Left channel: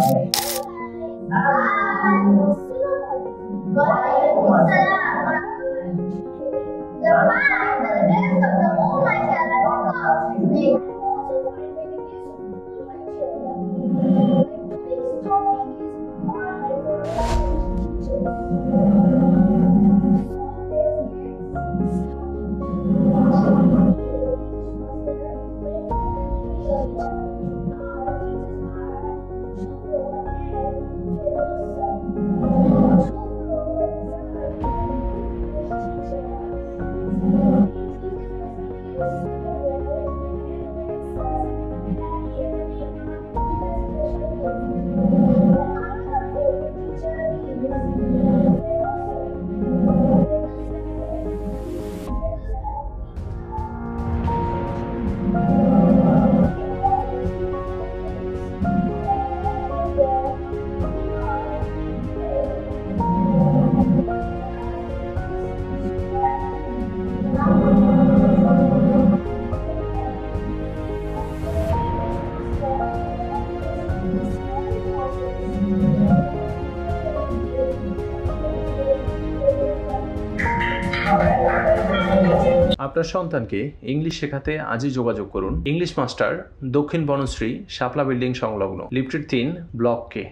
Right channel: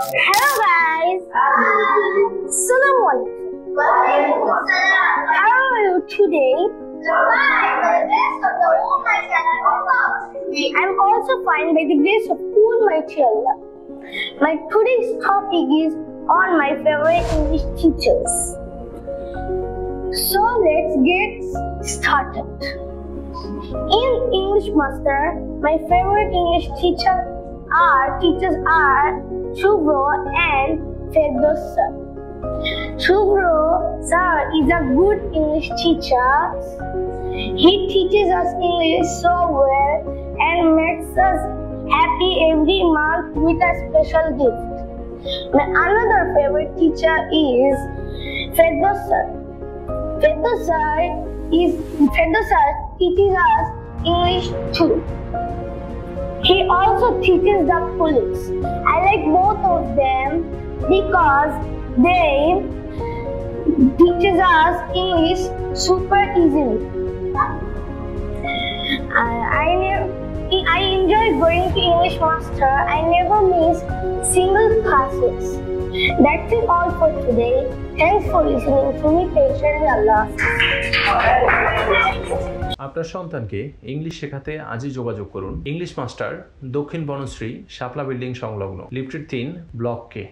Hello guys. Assalamu alaikum. How are you today? I'm also fine by the grace of Almighty Allah. My today's topic is on my favorite English teachers. So let's get started. In English Master, my favorite English teachers are Shubro and Firdaus sir. Shubro sir is a good English teacher. He teaches us English so well and makes us happy every month with a special gift. My another favorite teacher is Firdaus sir. Firdaus sir teaches us English too. He also teaches the police. I like both of them because they teaches us English super easily. I enjoy going to English Master. I never miss single classes. That's it all for today. Thanks for listening to me, patient Allah. আপনার সন্তানকে English শেখাতে আজই যোগাযোগ করুন English master, দক্ষিণ বনশ্রী, শাপলা building সংলগ্ন, lifted 3, block কে।